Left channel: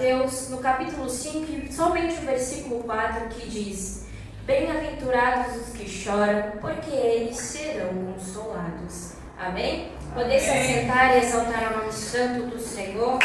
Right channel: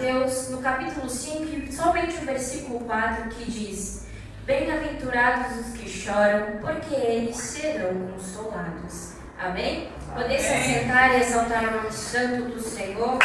Mateus, no capítulo 5, somente o versículo 4, que diz: bem-aventurados os que choram, porque eles serão consolados. Amém? Poder se assentar e exaltar o nome santo do Senhor.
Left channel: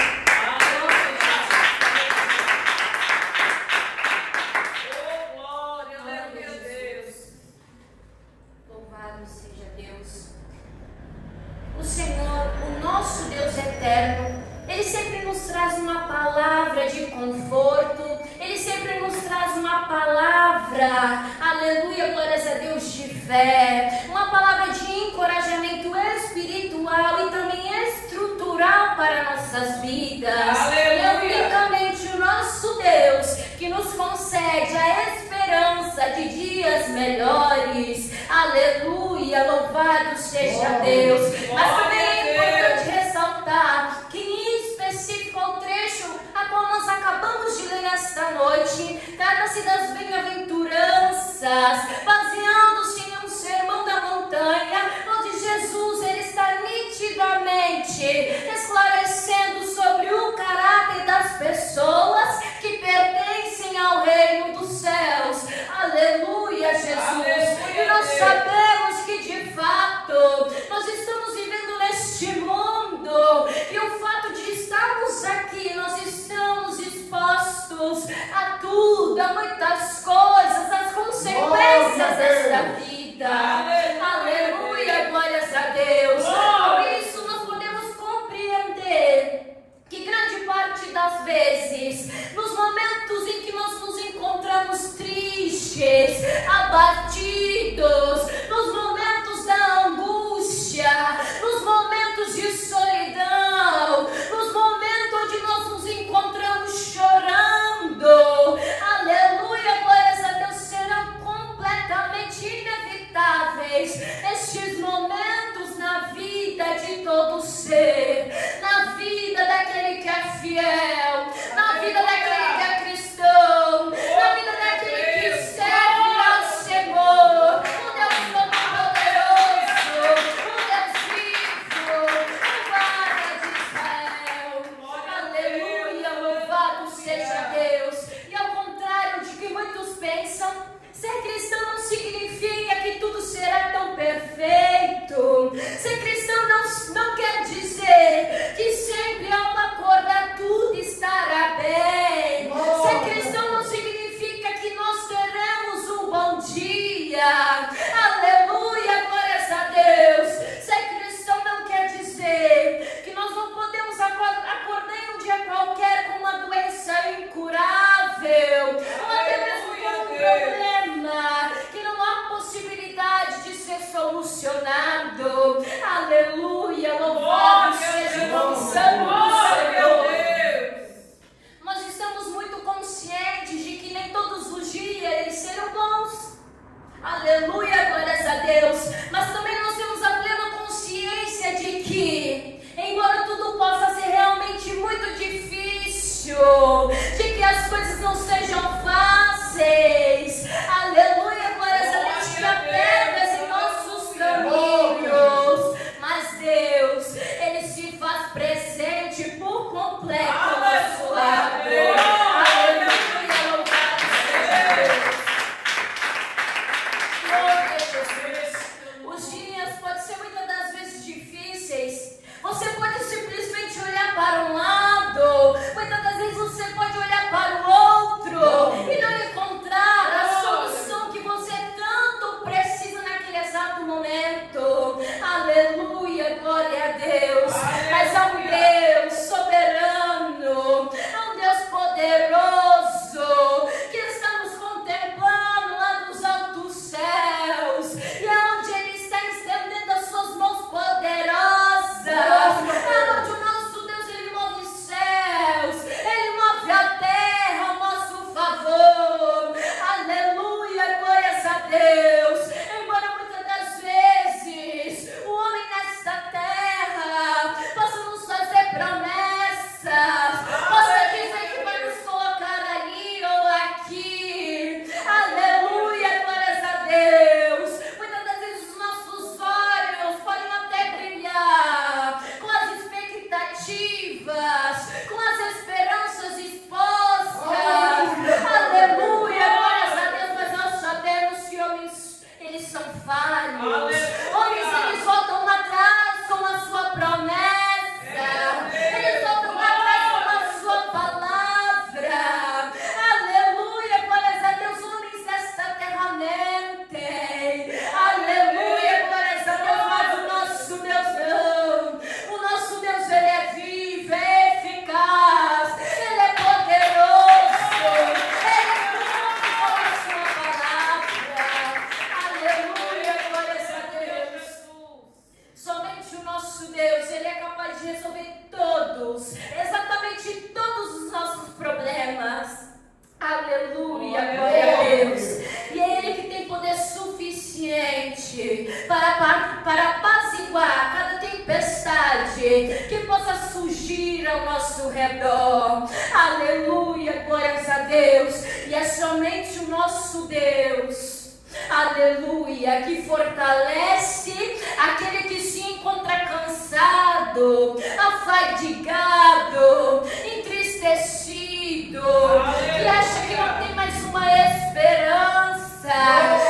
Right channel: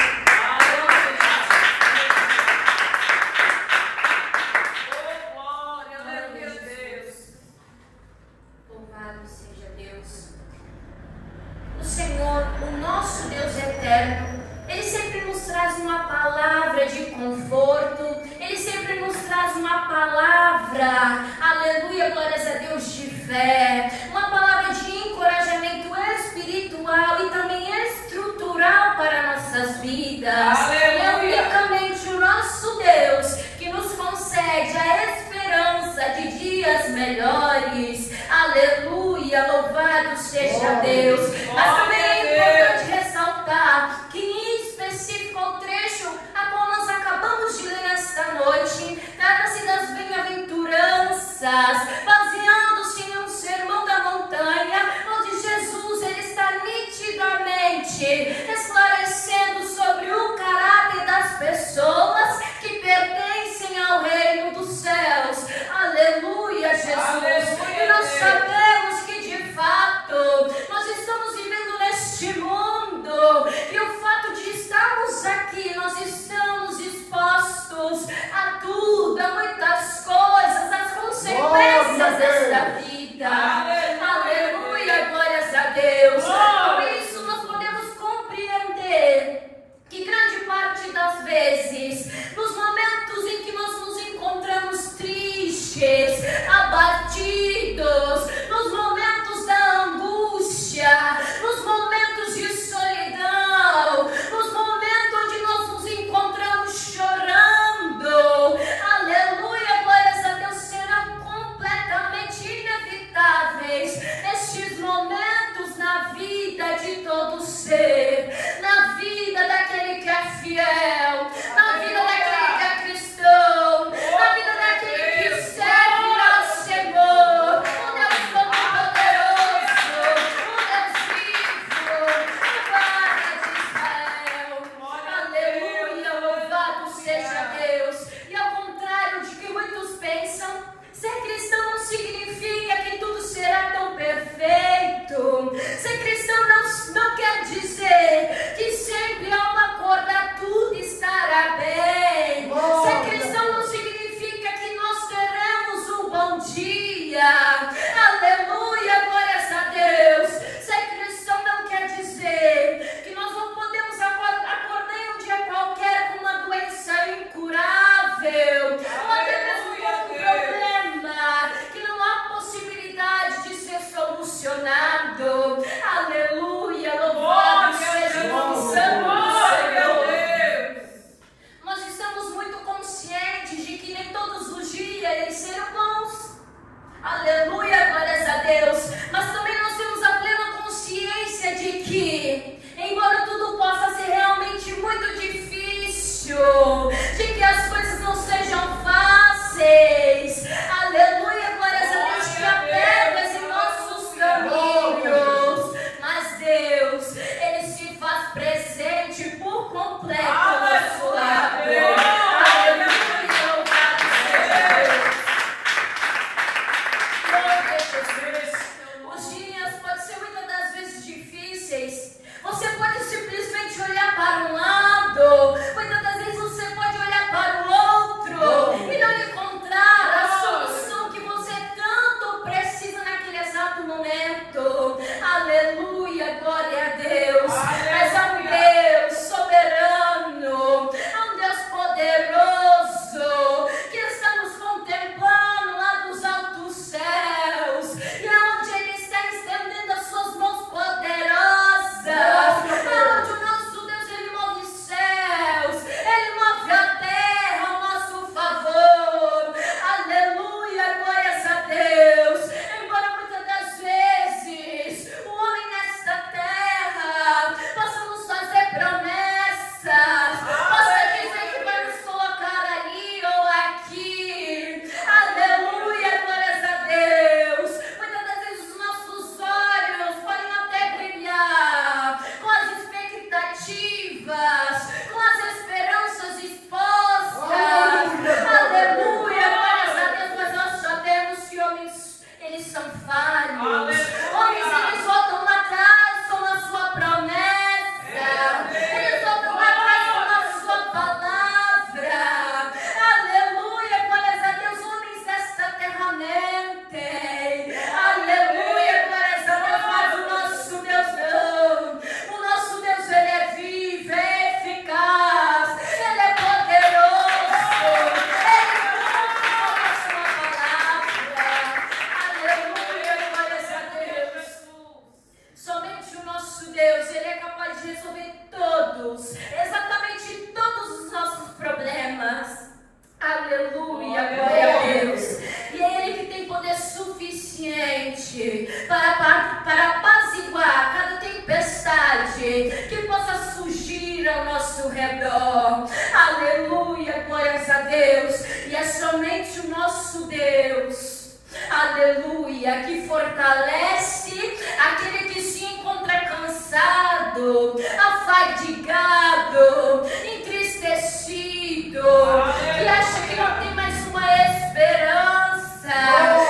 Senhor, o nosso Deus eterno, Ele sempre nos traz uma palavra de conforto, Ele sempre nos traz uma palavra, aleluia, glórias a Deus, de fé, uma palavra de encorajamento espiritual e também estrutural para nossas vidas. É unicamente o nosso Deus que nos concede a esperança de dias melhores, aleluia, louvado seja Deus. Mas também é importante ressaltar que em específico o trecho a qual nós acabamos de ler nesta noite trata-se das bem-aventuranças, baseando-se em um sermão da montanha, onde Jesus ele está nitidamente esclarecendo sobre o caráter das pessoas que pertencem ao reino dos céus. Aleluia, Jesus. Aleluia, e nós sabemos que de fato nós estamos vivendo neste mundo, e o fato de estarmos aqui, nós estamos expostos a tudo, a muitas coisas, as consequências desta vida. Aleluia, glórias a Deus. Por isso nós podemos compreender que grande parte das vezes, nos momentos em que nós nos encontramos tristes, abatidos, nos momentos da angústia, nos momentos de solidão, nos momentos onde nós nos encontramos chorando, aleluia, glórias a Deus, serão completamente inevitáveis estes momentos na vida de todo ser, na vida daquele que é fiel, na vida daquele que é cristão, na vida daquele que serve ao Senhor, o Deus Todo-Poderoso, o Deus vivo, o guarda de Israel. Aleluia, louvado seja Deus. E ao contrário de que muitos pensam, ser cristão não significa que tudo será tão perfeito. Ser cristão não quer dizer que sempre ao acordar tudo estará bem. Ser cristão não significa que nós teremos um bom dia. Aleluia, glórias a Deus. Ser cristão não quer dizer que nós não podemos acordar em um dia qualquer com uma doença incurável, ou até mesmo com um problema que não há possibilidade de ser solucionado. Aleluia, louvado seja o nome santo do Senhor. Nós estamos muito conscientes de que nem todos os dias eles serão bons. Aleluia, glórias a Deus. Mas também nós temos a plena consciência de que, embora tudo possa ser realmente muito difícil, de que as coisas não sejam fáceis, aleluia, glórias a Deus, que há pedras em nossos caminhos, mas Deus, Ele se faz presente por completo ao nosso lado. Aleluia, louvado seja Deus. Glória a Jesus. Os dias podem ser muitas das vezes difíceis. Você pode simplesmente olhar para um lado, muitas das vezes você pode olhar para o outro e não encontrar a solução que você tanto precisa naquele exato momento. Aleluia, glória a Deus. Mas há um Deus soberano, há um Deus poderoso que está nos contemplando lá dos altos céus, e aonde Ele está estendendo as suas mãos poderosas, aonde o nosso Deus Ele move os céus, Ele move a terra ao nosso favor. Aleluia, glórias a Deus. Embora muitas das vezes falhos. Homens, eles voltam atrás com a sua promessa. Eles voltam atrás com a sua palavra. Aleluia, glórias a Deus. Homens desta terra mentem. Aleluia, glórias a Deus. Mas o nosso Deus não. O nosso Deus, ele é vivo, é eficaz. Ele é poderoso. Ele cumpre com a sua palavra. Aleluia, glórias a Deus. Somente o nosso Deus, ele é capaz de resolver todos, exatamente todos os nossos problemas. Aleluia, glória a Deus. E é Ele que tem poder suficiente para apaziguar cada tempestade que possa surgir ao nosso redor. Aleluia, glórias a Deus. E é somente o nosso Deus, aleluia, que fortalece aquele que se encontra cansado, afadigado, entristecido, que acha que não tem mais uma esperança,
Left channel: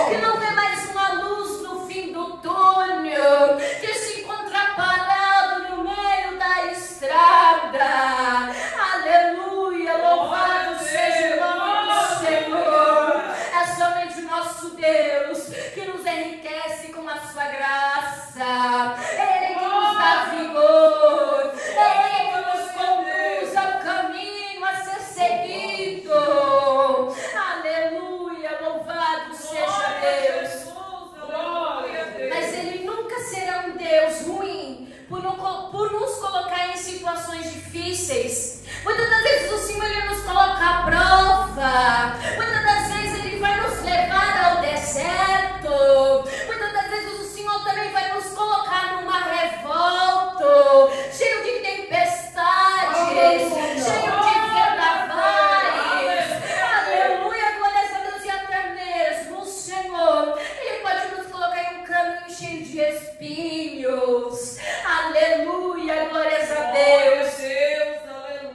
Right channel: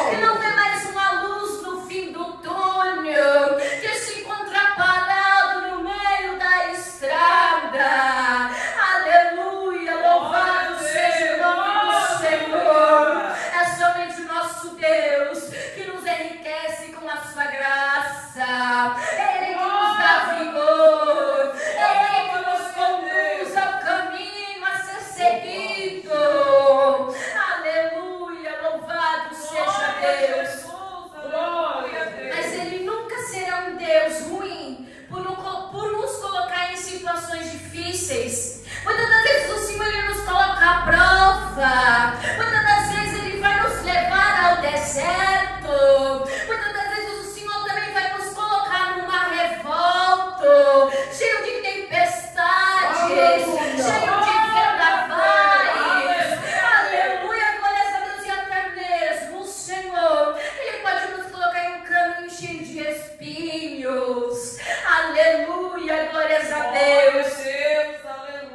que não vê mais uma luz no fim do túnel, que se encontra parado no meio da estrada. Aleluia, louvado seja o nome do Senhor. É somente o nosso Deus que nos enriquece com a sua graça. Ele que nos dá vigor. Ele que nos conduz ao caminho a ser seguido. Aleluia, louvado seja Deus. Mas Ele nunca será um Deus ruim por nos colocar em situações difíceis. Muitas das vezes o Senhor, ele nos coloca à prova. Muitas das vezes Ele vai nos levar ao deserto. Muitas das vezes o Senhor também vai nos colocar numa revolta, cheio de tempestades, cheio de vendavais. Aleluia, glórias a Deus. E até mesmo o Senhor, Ele pode nos colocar em um caminho cheio de espinhos. Aleluia, glórias a Deus.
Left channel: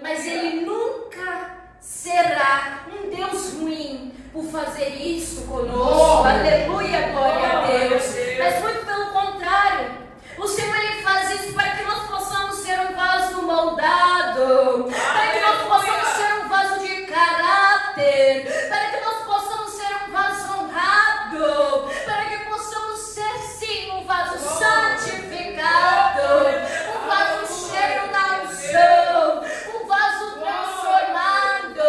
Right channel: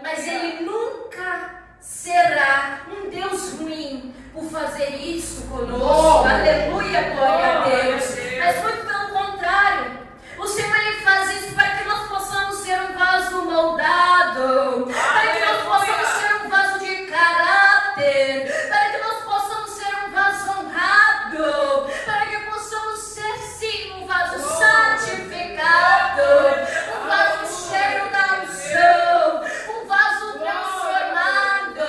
Mas Ele nunca será um Deus ruim por fazer isso conosco. Aleluia, glória a Deus. Mas muito pelo contrário, o Senhor, ele faz isso para que nós possamos ser um vaso moldado, para que nós possamos ser um vaso de caráter, para que nós possamos ser um vaso honrado, para que possamos ser sim um vaso santificado, um vaso cheio da unção, um vaso transformado,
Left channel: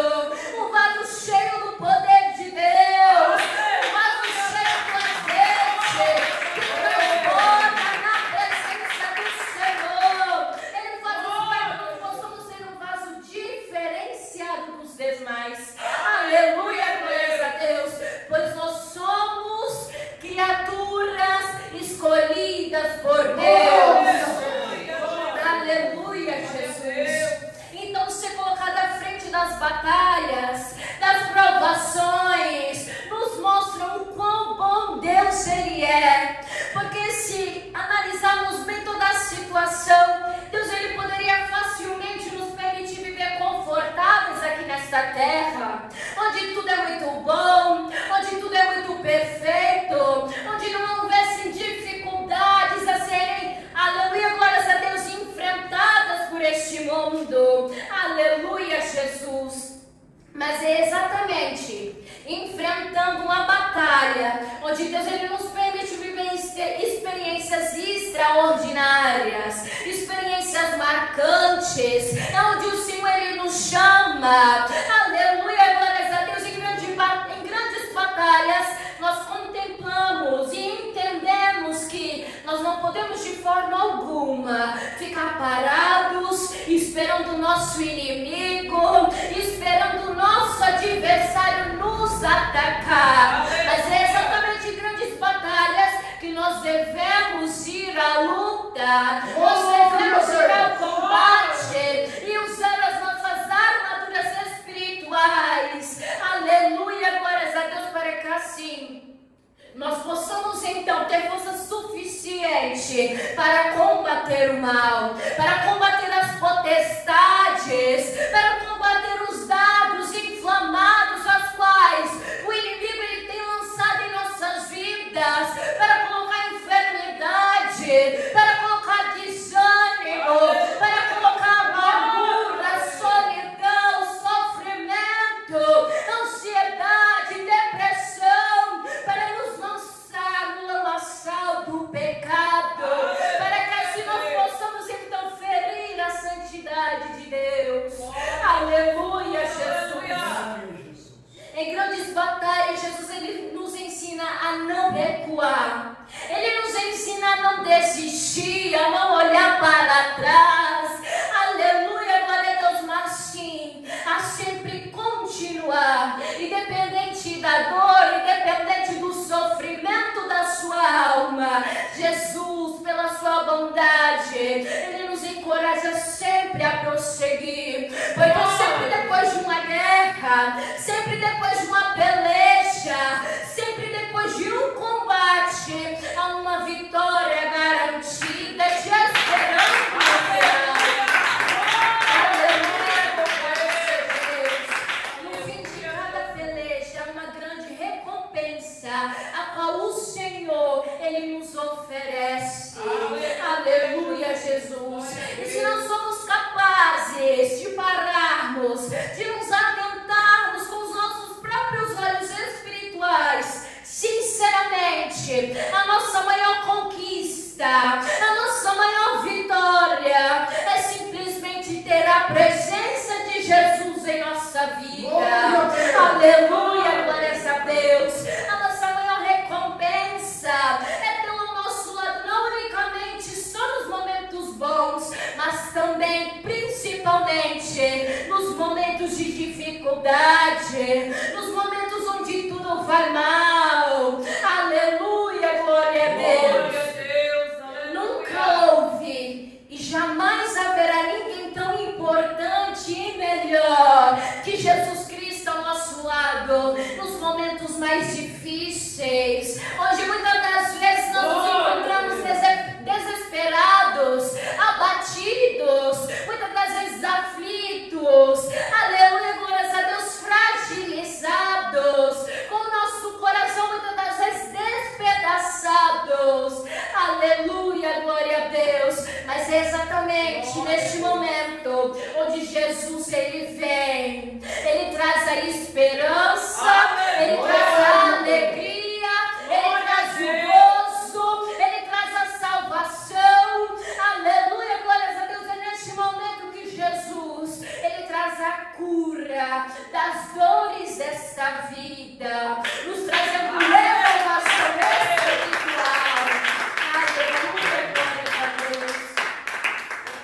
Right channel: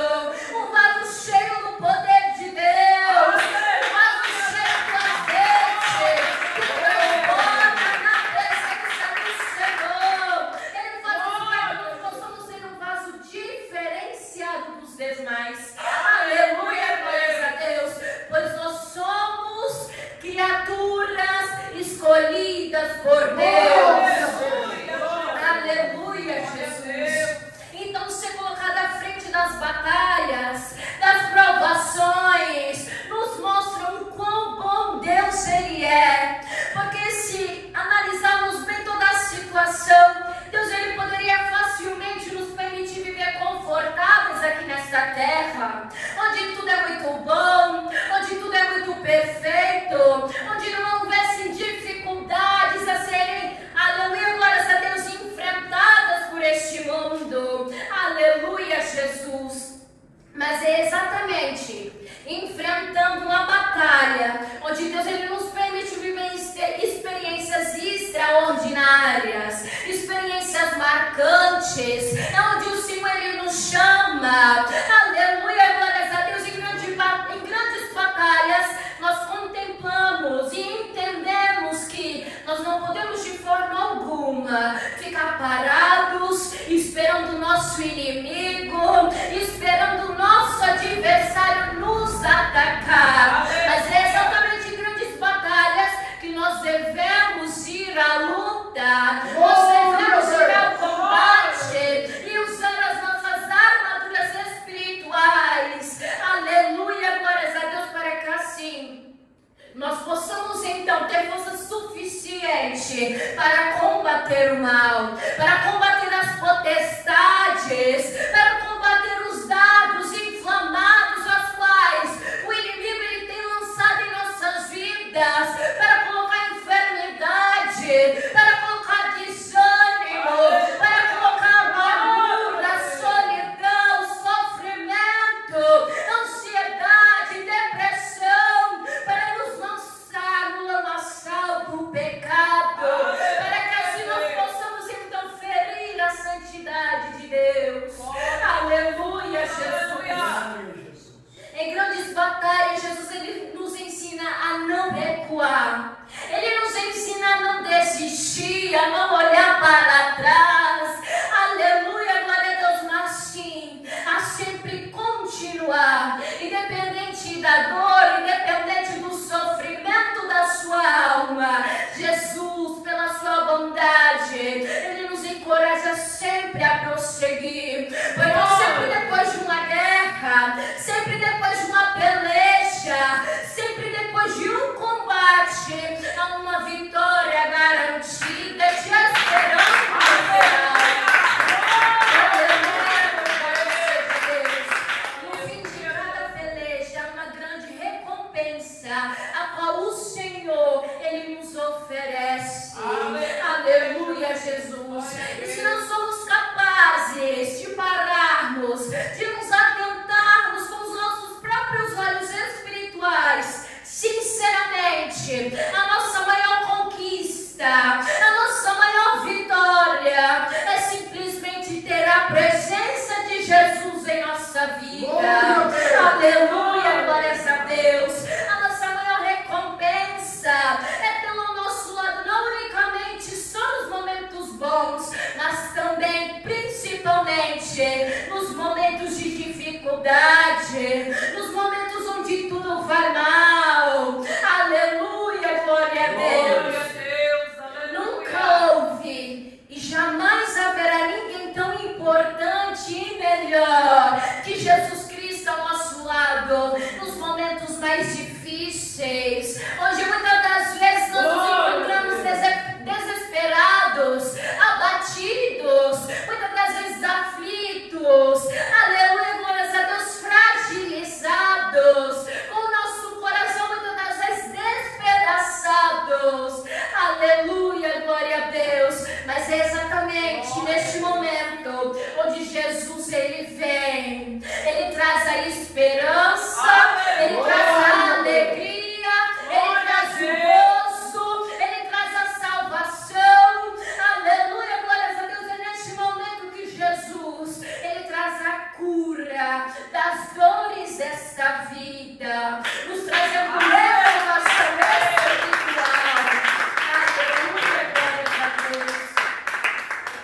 um vaso cheio do poder de Deus, um vaso cheio do azeite que transborda na presença do Senhor. Ele faz isso para que nós possamos ser um vaso diferenciado dos demais. Aleluia, glórias a Deus, pois nós somos criaturas escolhidas por Deus. Aleluia, Jesus. Então, ser colocado à frente das batalhas, das provações, nos mostram o quão bom Deus ele é. Porque se analisarmos bem toda a situação, Deus, ele poderia facilmente nos permitir viver confortáveis aqui nesta terra, onde tudo é muito bom, onde tudo é muito perfeito, onde não houvessem dificuldades a serem, aleluia, glórias a Deus, enfrentadas por este mundo. Aleluia, Jesus. Mas é exatamente enfrentando uma batalha onde Deus, ele nos permite viver experiências extraordinárias, experiências marcantes, onde o Senhor, ele nos chama. Aleluia, glórias a Deus. Em grandes batalhas nós contemplamos e entendemos que nós não podemos de forma alguma ficar parados esperando o nosso inimigo, esperando o nosso adversário nos atacar. Mas é exatamente em grandes batalhas que nós devemos ir à luta, nós devemos ir ao combate e usar as nossas armaduras espirituais. Aleluia, glórias a Deus, para que assim nós possamos então ter força suficiente para combater o mal, para combater as potestades, para combater os dardos inflamados aos quais o inimigo, ele tem lançado em nossas vidas, para atrás. Aleluia, glória a Deus, mas sim, a sempre continuar, independente da dor, independente do sofrimento da sua alma. Jesus, pela sua bondade, Ele nos encoraja sempre a prosseguir, porque sempre depois de uma guerra, sempre depois de uma peleja, sempre depois de um combate, há uma vitória garantida, te esperando. No fim de cada peleja, há uma grande recompensa, a qual o Senhor, Ele nos oferece. Aleluia, Jesus. E se não somos capazes de pararmos, de nos atentarmos com os nossos próprios olhos espirituais, sinceramente, a nossa maior conquista, a nossa maior vitória é simplesmente ter a presença de Jesus em nossa vida. Aleluia, glórias a Deus. A nossa maior recompensa é ter ao nosso lado, não unicamente só nos momentos bons, mas também, principalmente, nos momentos de dificuldade, nos momentos onde tudo vai mal. Aleluia, glória a Deus. Nunca houve e jamais haverá ninguém tão importante e melhor que Jesus Cristo ao nosso lado nos momentos mais difíceis, onde muitas das vezes nós nos encontramos desesperados, abatidos, muitas das vezes aflitos. Aleluia, glórias a Deus, fragilizados, com o nosso coração muitas das vezes despedaçados. Aleluia, glória a Deus. Mas é exatamente neste momento onde Jesus, Ele vem, Ele traz a esperança, Ele traz a alegria, Ele traz o gozo, Ele traz a salvação. Aleluia, glórias a Deus. É neste momento que Jesus, Ele traz a cura das dores desta vida, nos traz a cura da nossa espiritual. Aleluia, glórias a Deus.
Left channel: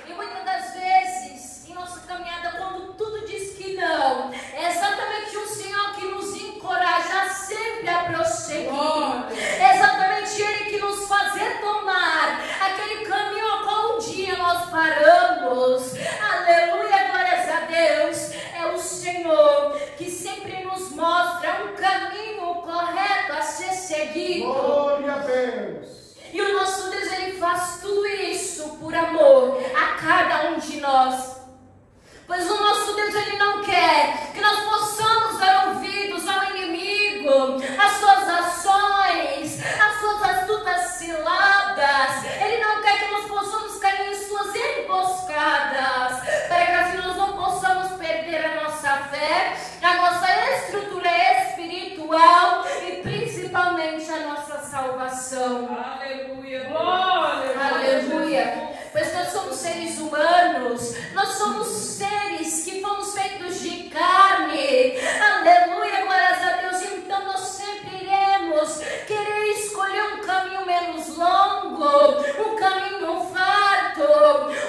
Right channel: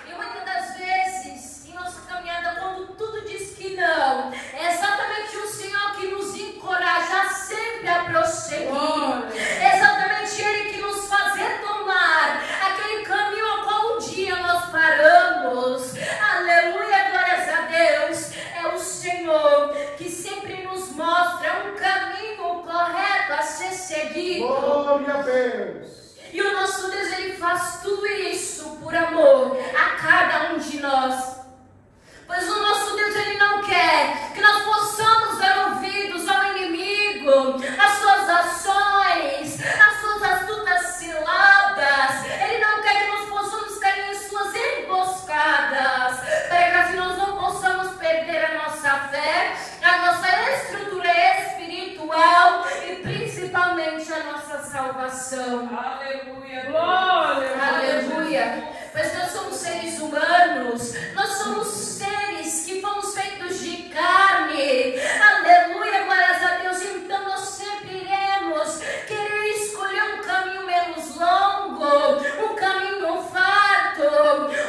E muitas das vezes, em nossa caminhada, quando tudo diz que não, é exatamente o Senhor que nos encoraja sempre a prosseguir. É exatamente Ele que nos faz retomar aquele caminho ao qual um dia nós paramos. Aleluia, glórias a Deus. É o Senhor que sempre nos mostra um caminho correto a ser seguido. Glória a Deus. E o nosso Deus, Ele faz tudo isso por amor a cada um de nós. Pois o nosso Deus, Ele não quer que nós possamos dar ouvidos ao inimigo, às suas ações, às suas astutas ciladas. Ele não quer que nós possamos cair em suas emboscadas, para que assim nós não possamos perder a nossa fé, a nossa estrutura espiritual e principalmente a nossa salvação. Aleluia, glória. Aleluia. Pois nós somos seres humanos, nós somos seres que fomos feitos de carne. Aleluia, glórias a Deus. Então nós sempre iremos querer escolher um caminho menos longo, um caminho farto,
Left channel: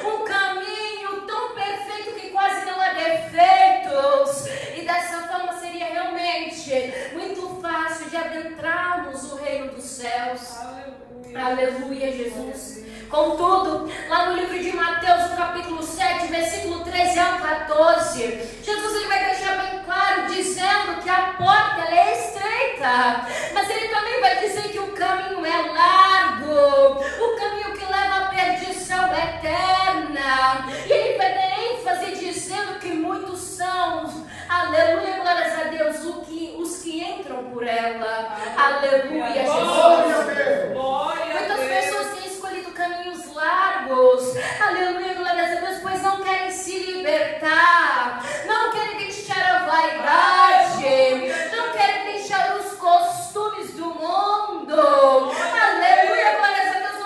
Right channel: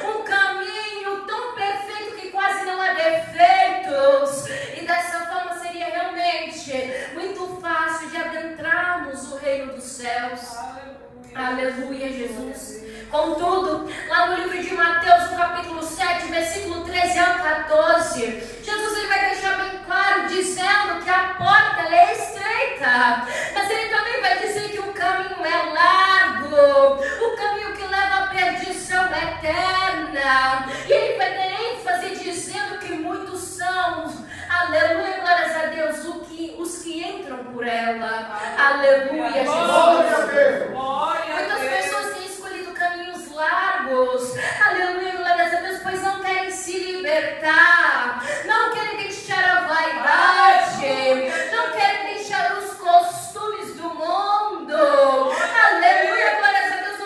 um caminho tão perfeito que quase não há defeitos. E dessa forma seria realmente muito fácil de adentrarmos o reino dos céus. Aleluia, Jesus. Contudo, lá no livro de Mateus, no capítulo 7, versículo 13 ao 14, Jesus, ele vai deixar bem claro, dizendo que a porta ela é estreita, mas ele também vai dizer que o caminho é largo, o caminho que leva à perdição eterna. E ele vai dar ênfase dizendo que muitos são, aleluia, glórias a Deus, os que entram por ela. Aleluia, Jesus. Muitas pessoas têm escolhido caminhos largos, aleluia, glórias a Deus, pois não querem se libertar, não querem deixar a vaidade, não querem deixar os costumes do mundo. Aleluia, glórias a Deus,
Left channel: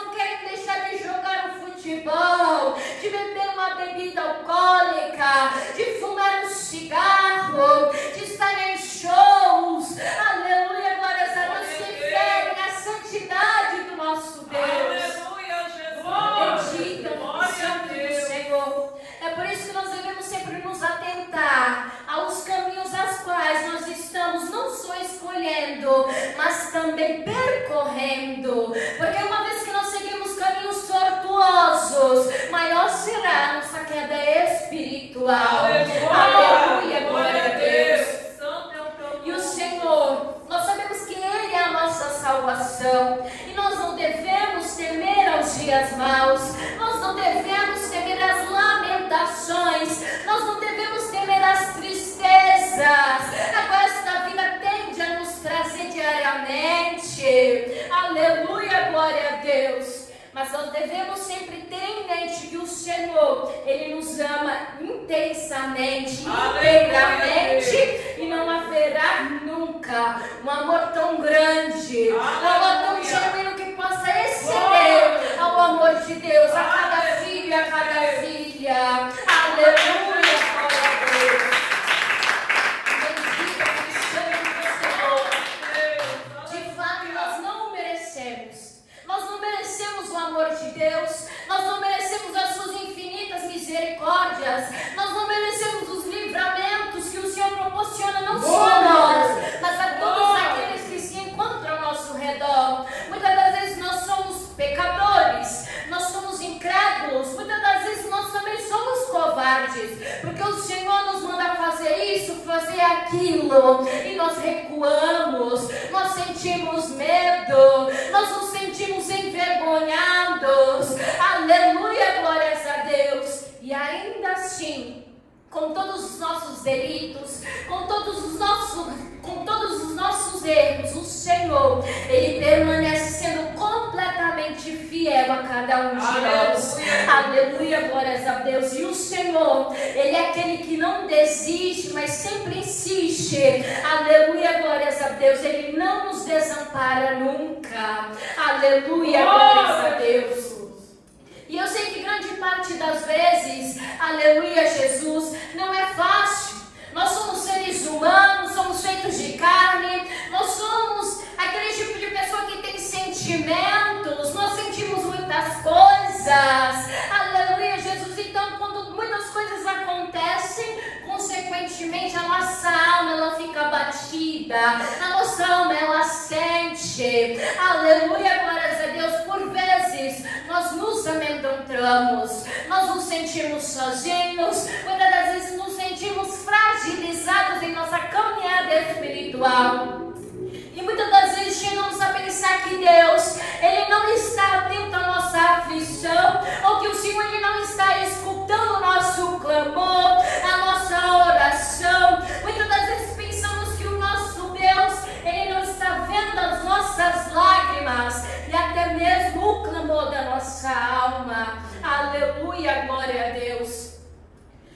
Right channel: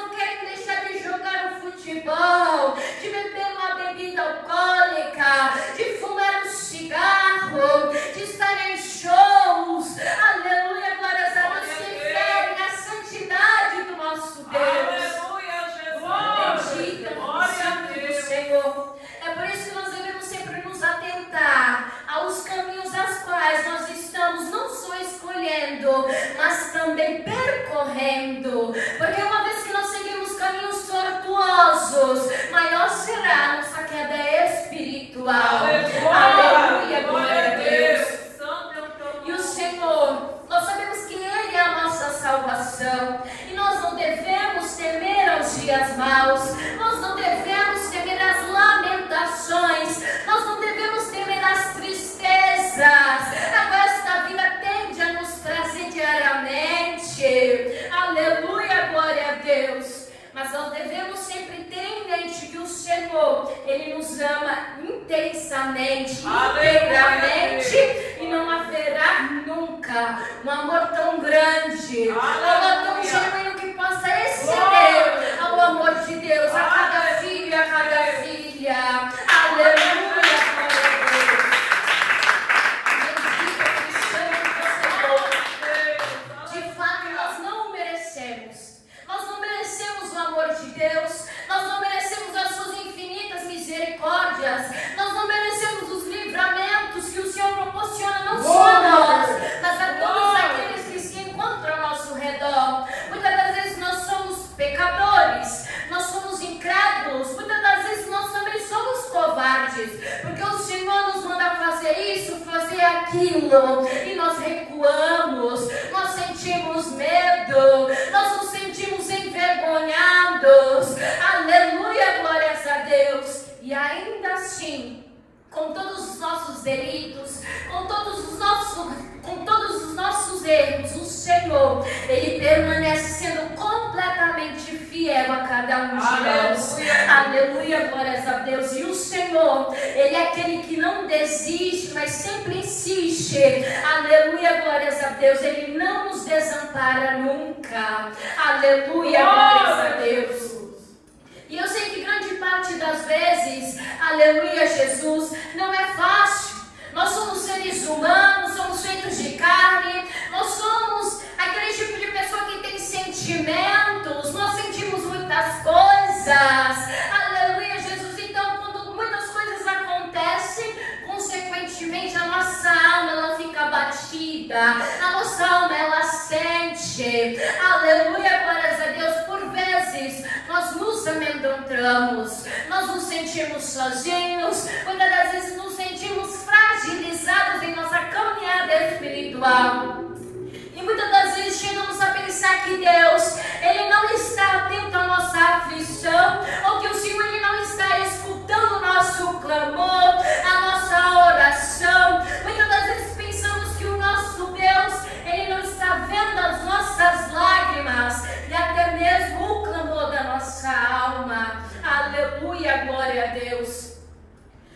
temer aos dias maus, nós não devemos temer as lamentações, nós não devemos temer as tristezas, a qual esta vida tende a nos trazer diariamente. Aleluia, glória a Deus. Mas nós devemos sempre ter em mente que o Senhor, Ele nos ama intensamente, integramente, e não haverá nunca um amor tão grande, um amor tão genuíno que possa exceder ao amor de Deus, a cada filho e a cada filha. Aleluia, glória a Deus. Bendito que Senhor, de fato nós não o merecemos. Nós não merecemos o amor de Deus, nós não merecemos as suas infinitas misericórdias, nós não merecemos os livramentos que o Senhor proporciona não só a nós, mas a todos aqueles que se encontram ao nosso redor. Muitas das vezes nós somos pecadores, nós somos incrédulos, muitas das vezes nós também somos covardes, porque o Senhor nos manda fazer isso, fazer aquilo, e nós recuamos, nós sentimos medo, nós nos sentimos envergonhados. Aleluia, glórias a Deus. E ainda assim, com todos os nossos delitos, com todos os nossos erros, o Senhor, Ele permanece sendo completamente fiel a cada um de nós. Aleluia, glórias a Deus. E o Senhor, Ele é aquele que não desiste, mas sempre insiste. Aleluia, glórias a Deus. Ele não nos desampara nunca. Aleluia, glórias a Deus. E eu sei que grande parte das vezes, aleluia, Jesus, não é fácil. Nós somos seres humanos, somos feitos de carne, nós somos aquele tipo de pessoa que tem sentimentos, nós sentimos muitas coisas. Aleluia, Jesus. Então, quando muitas coisas acontecem, consequentemente a nossa alma ela fica abatida, a nossa alma ela sente. Aleluia, glórias a Deus. Por vezes nós nos amedrontamos, nós nos sentimos sozinhos, muitas das vezes nos sentimos fragilizados em nossa caminhada espiritual. E muitas das vezes chegamos a pensar que Deus, Ele não está atento à nossa aflição, ou que o Senhor Ele não está escutando o nosso clamor, a nossa oração. Muitas das vezes pensamos que o nosso Deus, Ele não está vendo as nossas lágrimas e até mesmo o clamor da nossa alma. Aleluia, glória a Deus.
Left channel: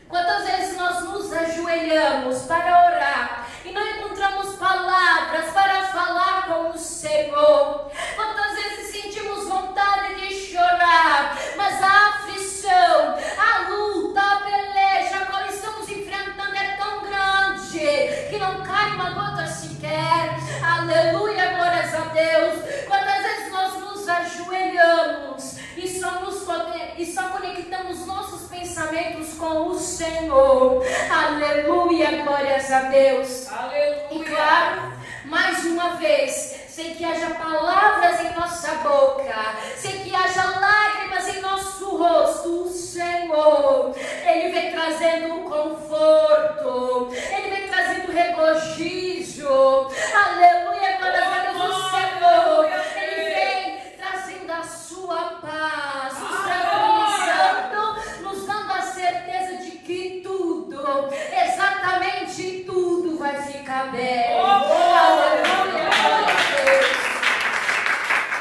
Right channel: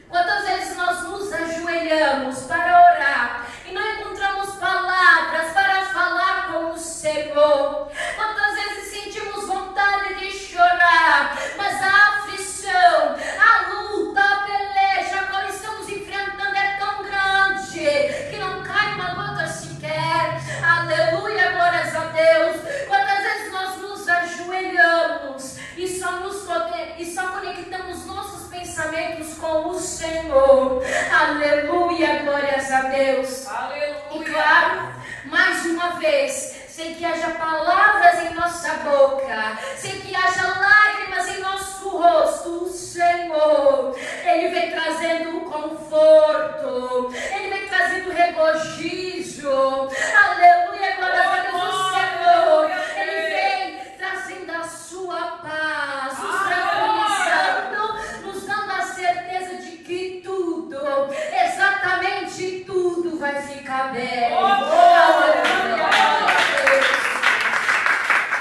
Quantas vezes nós nos ajoelhamos para orar e não encontramos palavras para falar com o Senhor? Quantas vezes sentimos vontade de chorar, mas a aflição, a luta, a peleja a qual estamos enfrentando é tão grande que não cai uma gota sequer. Aleluia, glórias a Deus. Quantas vezes nós nos ajoelhamos e só conectamos nossos pensamentos com o Senhor. Aleluia, glórias a Deus. Aleluia. E claro, mais uma vez, sem que haja palavras em nossa boca, sem que haja lágrimas em nosso rosto, o Senhor, Ele vem trazendo conforto, Ele vem trazendo regozijo. Aleluia, glórias a Deus. O Senhor, Ele vem trazendo a sua paz, nos tranquilizando, nos dando a certeza de que tudo, exatamente tudo vai ficar bem. Aleluia, glória a Deus.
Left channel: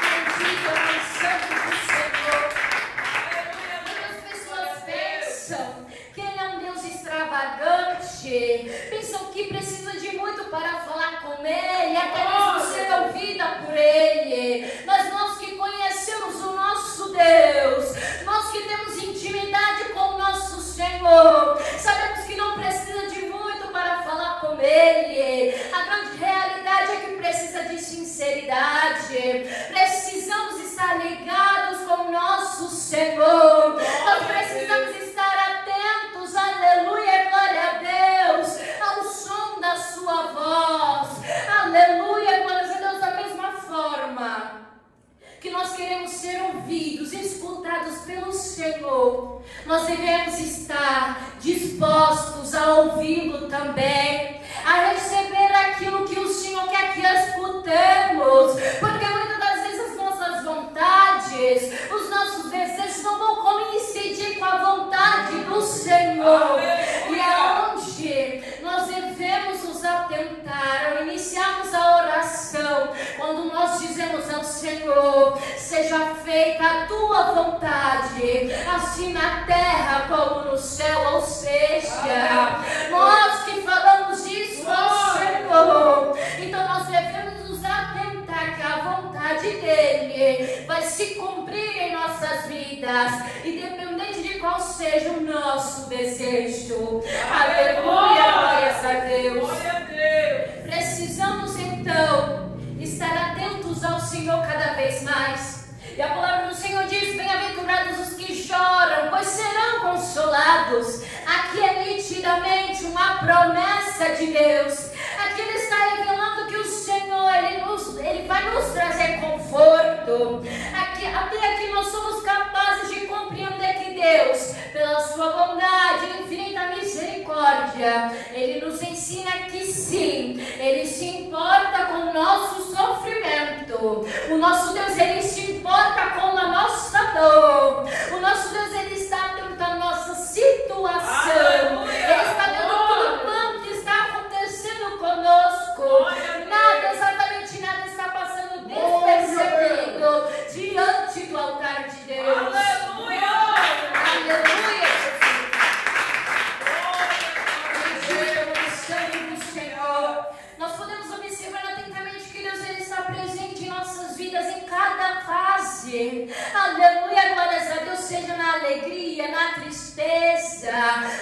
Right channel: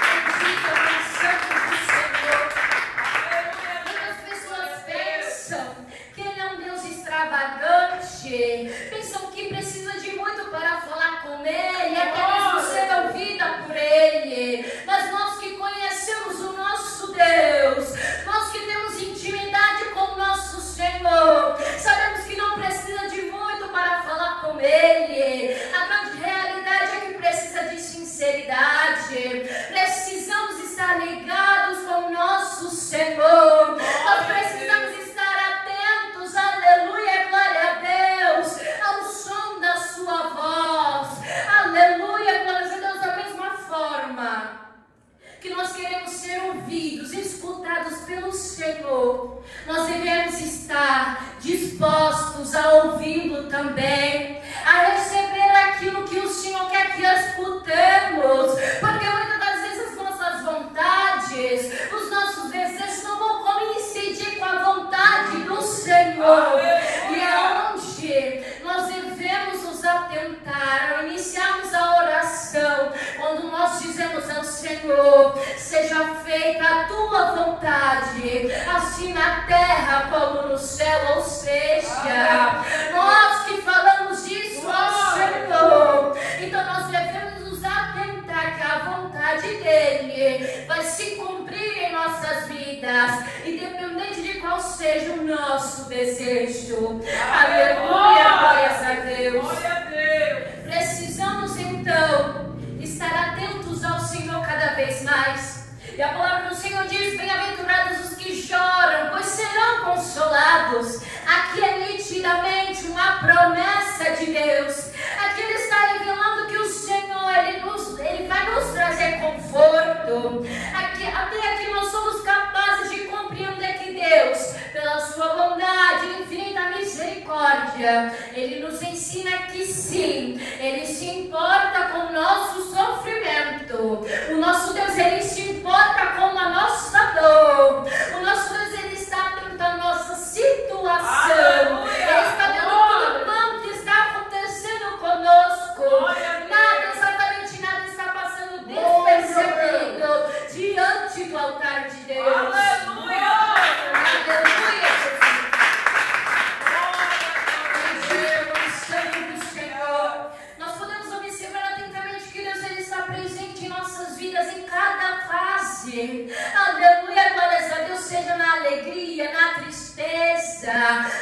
Bendito é o santo do Senhor. Muitas pessoas pensam que Ele é um Deus extravagante, pensam que precisa de muito para falar com Ele, até mesmo ser ouvida por Ele. Mas nós que conhecemos o nosso Deus, nós que temos intimidade com o nosso Senhor, sabemos que não precisa de muito para falar com Ele. A grande realidade é que precisa de sinceridade. Precisamos estar ligados com o nosso Senhor. Nós precisamos estar atentos, aleluia, glória a Deus, ao som da sua voz. Aleluia, glória a Deus. Da mesma forma que nós queremos ser ouvidos, escutados pelo Senhor, nós devemos estar dispostos a ouvi-lo também, a receber aquilo que o Senhor quer que escutemos, porque muitas das vezes as nossas vontades, Senhor, seja feita a tua vontade, assim na terra como no céu, ou seja, nós que falamos isso ao Senhor, então nós devemos nos atentar que a vontade dele vai se cumprir em nossas vidas, independente de qual seja o nosso desejo. Aleluia, glórias a Deus. Precisamos então estar atentos ao Senhor cada vez mais. E a palavra do Senhor diz: bem-aventurados os que choram, pois serão consolados. Aqui é nitidamente uma promessa de Deus. Aqui ele está revelando que o Senhor, ele vai nos trazer conforto. Até aqui nós somos capazes de compreender que Deus, pela sua bondade e infinita misericórdia, ele nos ensina que sim, ele se importa com o nosso sofrimento. O nosso Deus, ele se importa com a nossa dor. O nosso Deus, ele está atento à nossa situação. Ele está vendo tudo quanto está acontecendo conosco. Nada, exatamente nada está passando despercebido diante do altar de Deus. Aleluia! Aleluia, Jesus! Sangue do Senhor. Nós podemos observar atentamente que Deus, ele está presente em nossas vidas em cada fase. Aleluia, glórias a Deus, seja na alegria, na tristeza,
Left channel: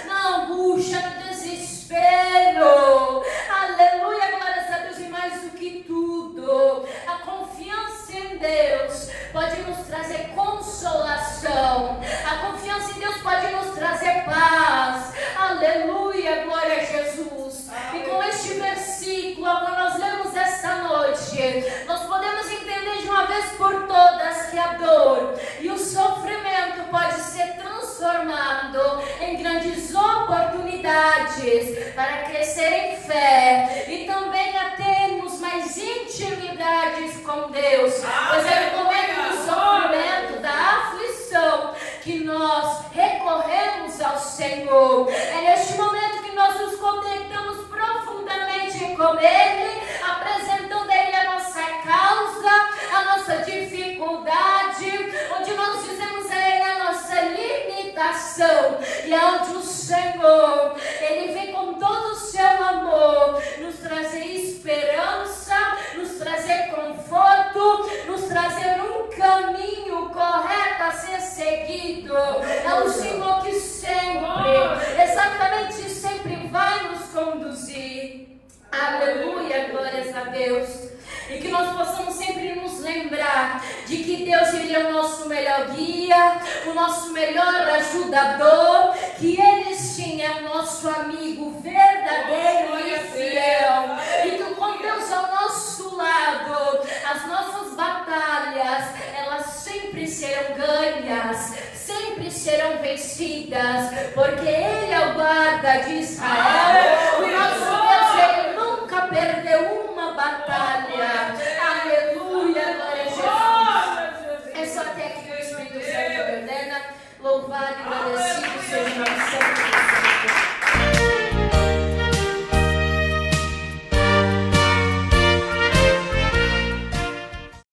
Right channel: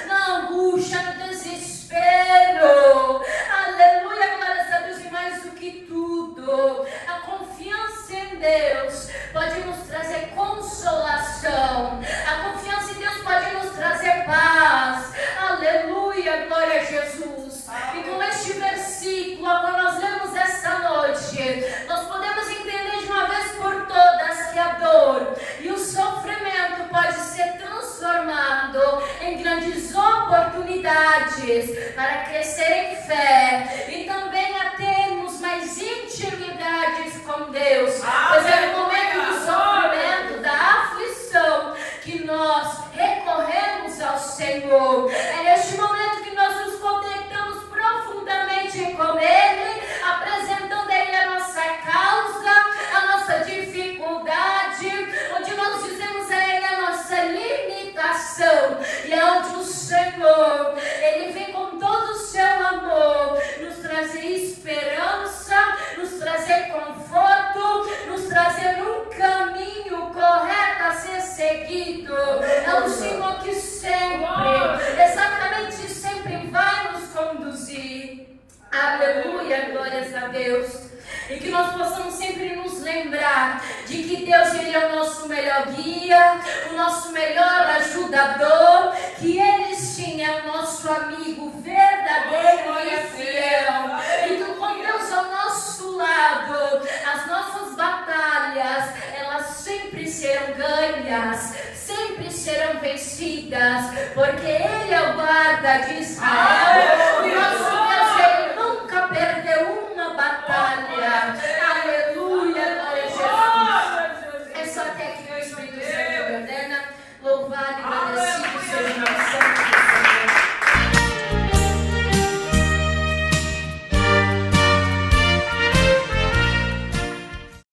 na angústia, no desespero. Aleluia, glórias a Deus, e mais do que tudo, a confiança em Deus pode nos trazer consolação. A confiança em Deus pode nos trazer paz. Aleluia, glória a Jesus. E com este versículo, quando nós lemos esta noite, nós podemos entender de uma vez por todas que a dor e o sofrimento pode ser transformado em grandes oportunidades para crescer em fé e também a termos mais intimidades com Deus. Pois é no momento do sofrimento, da aflição, que nós recorremos ao Senhor. É neste momento que nós nos conectamos profundamente com Ele, apresentando a Ele a nossa causa, a nossa dificuldade, onde nós dizemos a Ele a nossa limitação, e é onde o Senhor, Ele vem com todo o seu amor nos trazer esperança, nos trazer conforto, nos trazer um caminho correto a ser seguido. É o Senhor que sempre, exatamente sempre vai nos conduzir. Aleluia, glórias a Deus. E que nós possamos sempre nos lembrar de que Deus, ele é o nosso melhor guia, o nosso melhor ajudador, que Ele sim é o nosso amigo verdadeiro e fiel. E que com Deus ao nosso lado, as nossas batalhas, elas sempre serão ganhas, sempre serão vencidas, porque Ele é o guarda de Israel.